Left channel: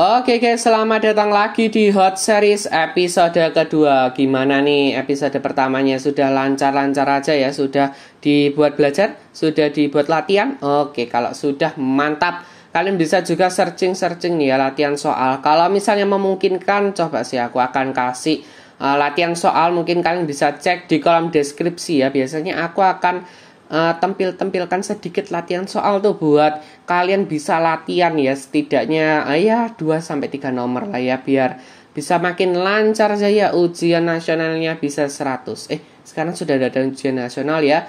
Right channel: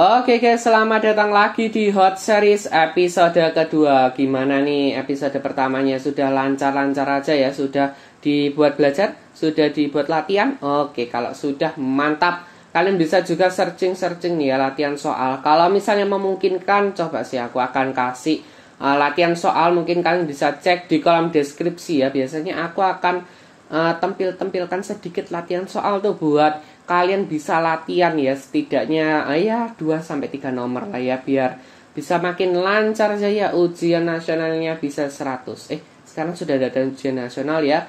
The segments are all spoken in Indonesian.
Oke guys, selamat datang lagi di Hot Series episode kedua. Gimana nih episode pertamanya? Sudah lancar-lancar aja ya? Sudah dibuat belajar? Sudah dibuat latihan? Oke, kalau sudah mantap. Kalian bisa juga searching-searching nih ya latihan soal. Kalau misalnya memungkinkan, coba sih aku akan kasih latihan soal. Mungkin kalian bisa cek di kolom deskripsi ya. Biasanya aku akan tampilkan sedikit latihan soal tuh buat kalian bisa latihan ya, setidaknya ya 2-3 nomor lah ya, biar bisa makin lancar saja ujian nasionalnya bisa 100. Sekarang sudah ada ujian nasional ya.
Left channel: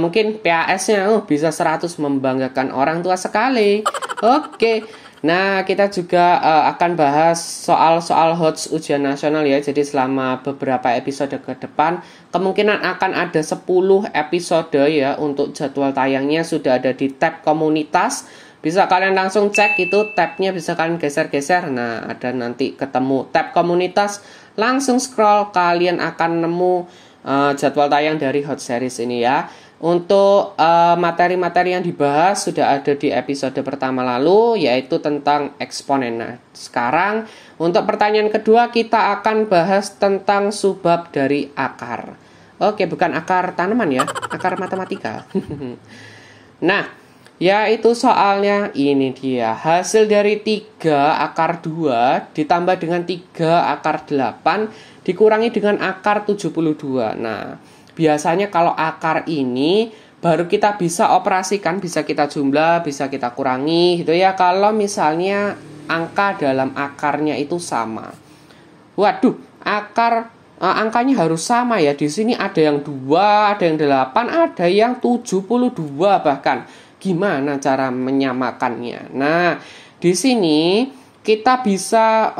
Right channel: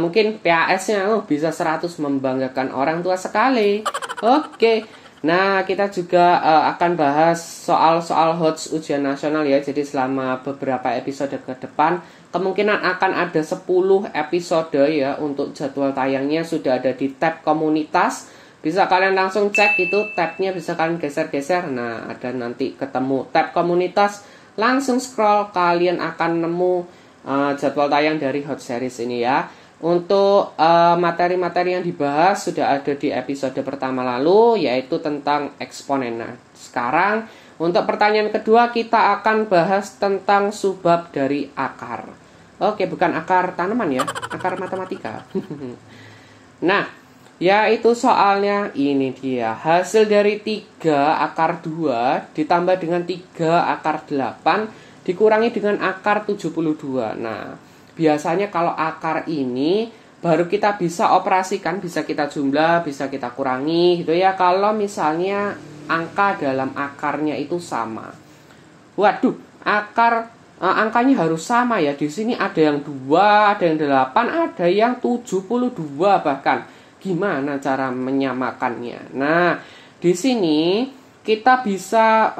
Mungkin PAS-nya bisa 100, membanggakan orang tua sekali. Oke. Nah, kita juga akan bahas soal-soal HOTS ujian nasional ya. Jadi selama beberapa episode ke depan kemungkinan akan ada 10 episode ya. Untuk jadwal tayangnya sudah ada di tab komunitas. Bisa kalian langsung cek itu, tabnya bisa kalian geser-geser. Nah, ada nanti ketemu tab komunitas. Langsung scroll, kalian akan nemu jadwal tayang dari Hot Series ini ya. Untuk materi-materi yang dibahas sudah ada di episode pertama lalu, yaitu tentang eksponen. Nah, sekarang untuk pertanyaan kedua kita akan bahas tentang subbab dari akar. Oke, bukan akar tanaman ya, akar matematika. Nah, yaitu soalnya ini dia. Hasil dari 3 akar 2 ditambah dengan 3 akar 8 dikurangi dengan akar 72. Nah, biasanya kalau akar ini baru kita bisa operasikan, bisa kita jumlah, bisa kita kurangi gitu ya. Kalau misalnya angka dalam akarnya itu sama. Waduh, angkanya harus sama ya. Di sini ada yang 2, ada yang 8, ada yang 72 bahkan. Gimana cara menyamakannya? Nah, di sini kita bisa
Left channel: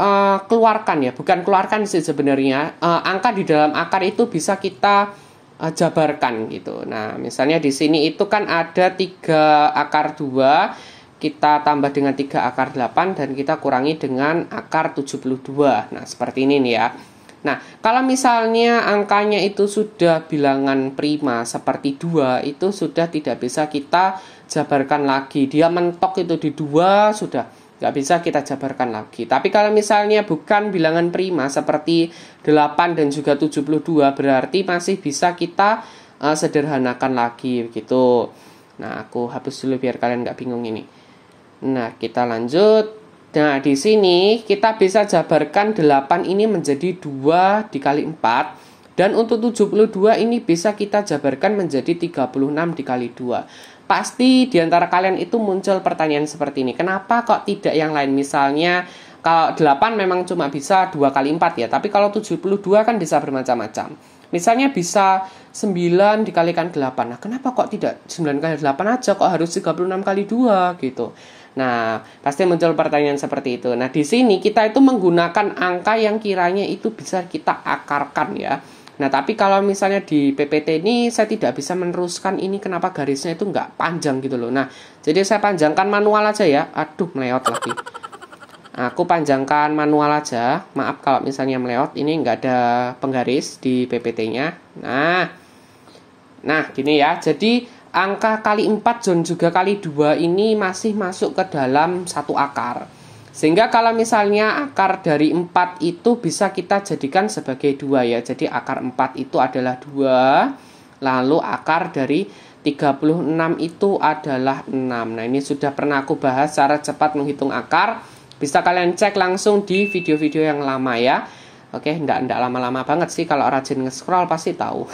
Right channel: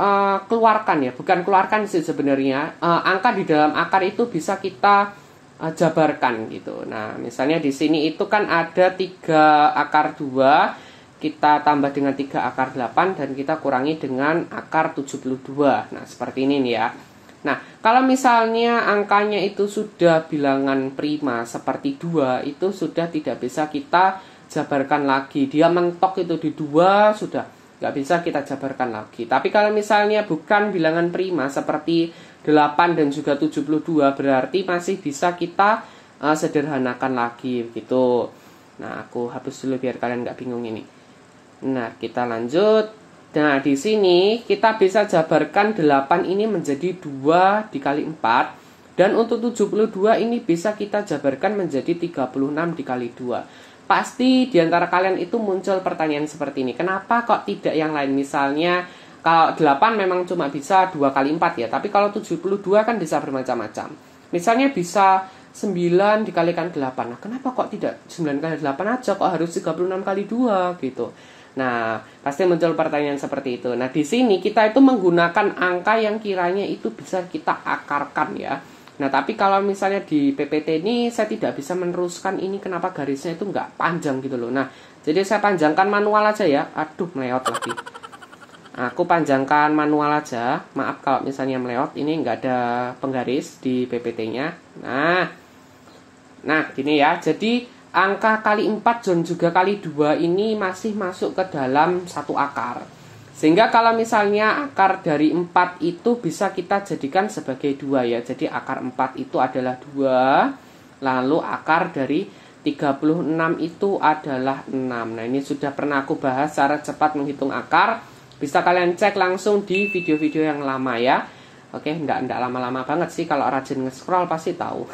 keluarkan ya, bukan keluarkan sih sebenarnya. Angka di dalam akar itu bisa kita jabarkan gitu. Nah, misalnya di sini itu kan ada 3 akar 2, kita tambah dengan 3 akar 8 dan kita kurangi dengan akar 72. Nah, seperti ini nih ya. Nah, kalau misalnya angkanya itu sudah bilangan prima seperti 2, itu sudah tidak bisa kita jabarkan lagi. Dia mentok itu di 2, sudah nggak bisa kita jabarkan lagi. Tapi kalau misalnya bukan bilangan prima seperti 8 dan juga 72, berarti masih bisa kita sederhanakan lagi gitu. Nah, aku hapus dulu biar kalian nggak bingung ini. Nah, kita lanjut. Nah, di sini kita bisa jabarkan 8 ini menjadi 2 dikali 4. Dan untuk 72 ini bisa kita jabarkan menjadi 36 dikali 2. Pasti diantara kalian itu muncul pertanyaan seperti ini. Kenapa kok tidak yang lain? Misalnya kalau 8 memang cuma bisa 2 kali 4 ya. Tapi kalau 72 kan bisa bermacam-macam. Misalnya bisa 9 dikalikan 8. Nah, kenapa kok tidak 9 kali 8 aja? Kok harus 36 kali 2 gitu. Nah, pasti muncul pertanyaan seperti itu. Nah, di sini kita itu menggunakan angka yang kiranya itu bisa kita akarkan ya. Nah, tapi kalau misalnya di PPT ini saya tidak bisa meneruskan ini, kenapa garisnya itu nggak panjang gitu loh. Nah, jadi saya panjangkan manual aja ya. Aduh, meleot lagi. Aku panjangkan manual aja. Maaf kalau misalnya meleot, ini nggak ada penggaris di PPT-nya. Nah, gini ya. Jadi angka kali 4 dan juga kali 2 ini masih masuk ke dalam satu akar. Sehingga kalau misalnya akar dari 4 itu bisa kita jadikan sebagai 2 ya. Jadi akar 4 itu adalah 2. Lalu akar dari 36 itu adalah 6. Nah, ini sudah pernah aku bahas cara cepat menghitung akar. Bisa kalian cek langsung di video-video yang lama ya. Oke, enggak lama-lama banget sih, kalau rajin nge-scroll pasti tahu.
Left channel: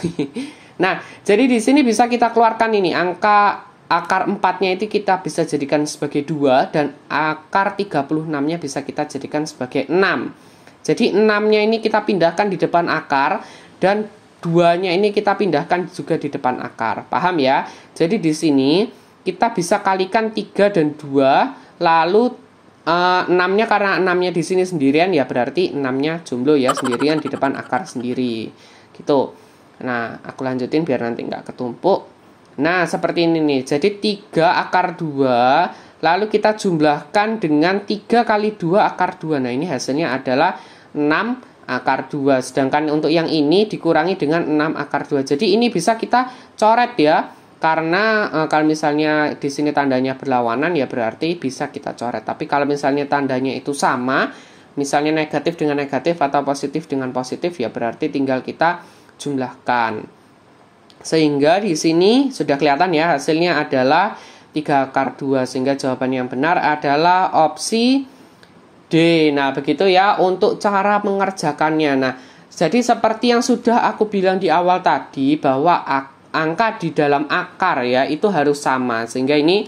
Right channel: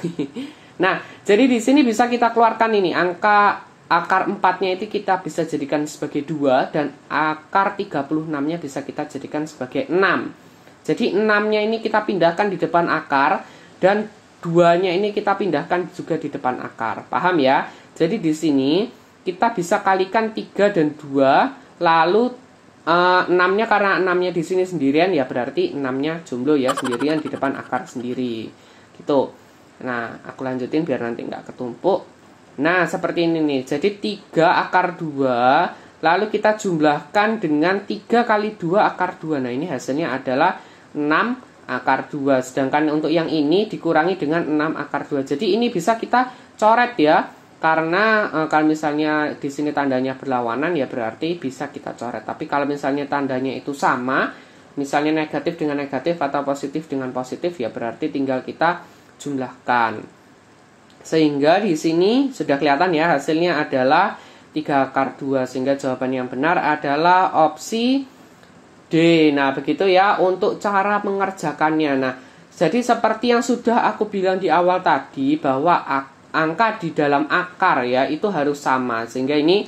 Nah, jadi di sini bisa kita keluarkan ini angka akar 4-nya itu kita bisa jadikan sebagai 2 dan akar 36-nya bisa kita jadikan sebagai 6. Jadi 6-nya ini kita pindahkan di depan akar dan 2-nya ini kita pindahkan juga di depan akar. Paham ya? Jadi di sini kita bisa kalikan 3 dan 2, lalu 6-nya karena 6-nya di sini sendirian ya berarti 6-nya jomblo ya, sendirian di depan akar sendiri. Gitu. Nah, aku lanjutin biar nanti nggak ketumpuk. Nah, seperti ini nih. Jadi 3 akar 2, lalu kita jumlahkan dengan 3 kali 2 akar 2. Nah, ini hasilnya adalah 6 akar 2. Sedangkan untuk yang ini dikurangi dengan 6 akar 2. Jadi ini bisa kita coret ya. Karena kalau misalnya di sini tandanya berlawanan ya berarti bisa kita coret. Tapi kalau misalnya tandanya itu sama, misalnya negatif dengan negatif atau positif dengan positif, ya berarti tinggal kita jumlahkan. Sehingga di sini sudah kelihatan ya, hasilnya adalah 3 akar 2. Sehingga jawaban yang benar adalah opsi D. Nah, begitu ya untuk cara mengerjakannya. Nah, jadi seperti yang sudah aku bilang di awal tadi, bahwa angka di dalam akar ya itu harus sama. Sehingga ini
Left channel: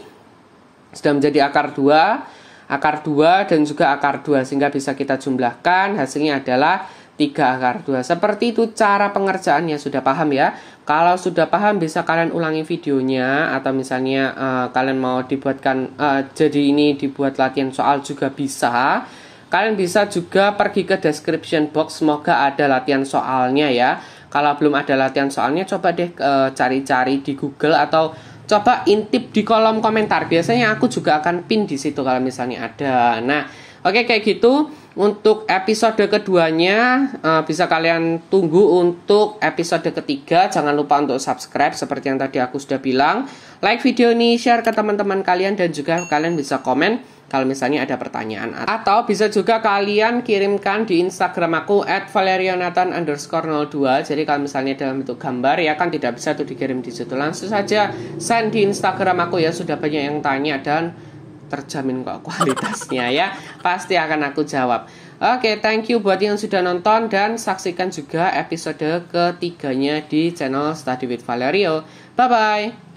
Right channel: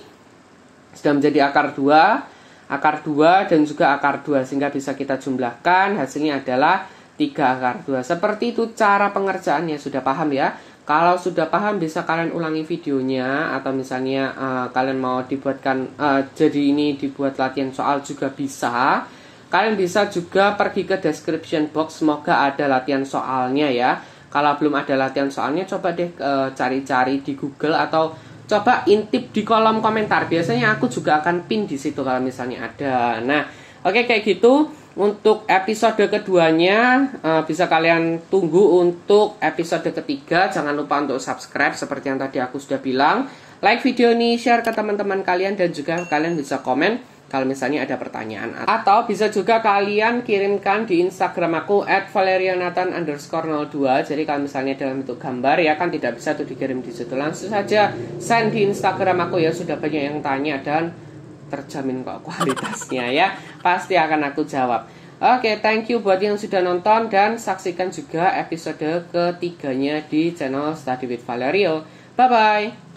sudah menjadi akar 2 dan juga akar 2. Sehingga bisa kita jumlahkan, hasilnya adalah 3 akar 2. Seperti itu cara pengerjaannya, sudah paham ya? Kalau sudah paham bisa kalian ulangi videonya. Atau misalnya kalian mau dibuatkan, jadi ini dibuat latihan soal juga bisa. Kalian bisa juga pergi ke description box, semoga ada latihan soalnya ya. Kalau belum ada latihan soalnya, coba deh cari-cari di Google atau coba intip di kolom komentar. Biasanya aku juga akan pin di situ kalau misalnya ada. Nah, oke kayak gitu. Untuk episode keduanya bisa kalian tunggu untuk episode ketiga. Jangan lupa untuk subscribe seperti yang tadi aku sudah bilang. Like video ini, share ke teman-teman kalian, dan juga kalian bisa komen kalau misalnya ada pertanyaan. Atau bisa juga kalian kirimkan di Instagram aku @valerionathan_02. Jadi kalau misalnya dalam bentuk gambar ya kan tidak bisa tuh dikirim di situ. Langsung saja send di Instagram aku ya. Sudah banyak yang tanya dan terjamin kok kualitasnya ya. Pasti akan aku jawab. Oke, thank you buat yang sudah nonton, dan saksikan juga episode ketiganya di channel Study with Valerio. Bye-bye.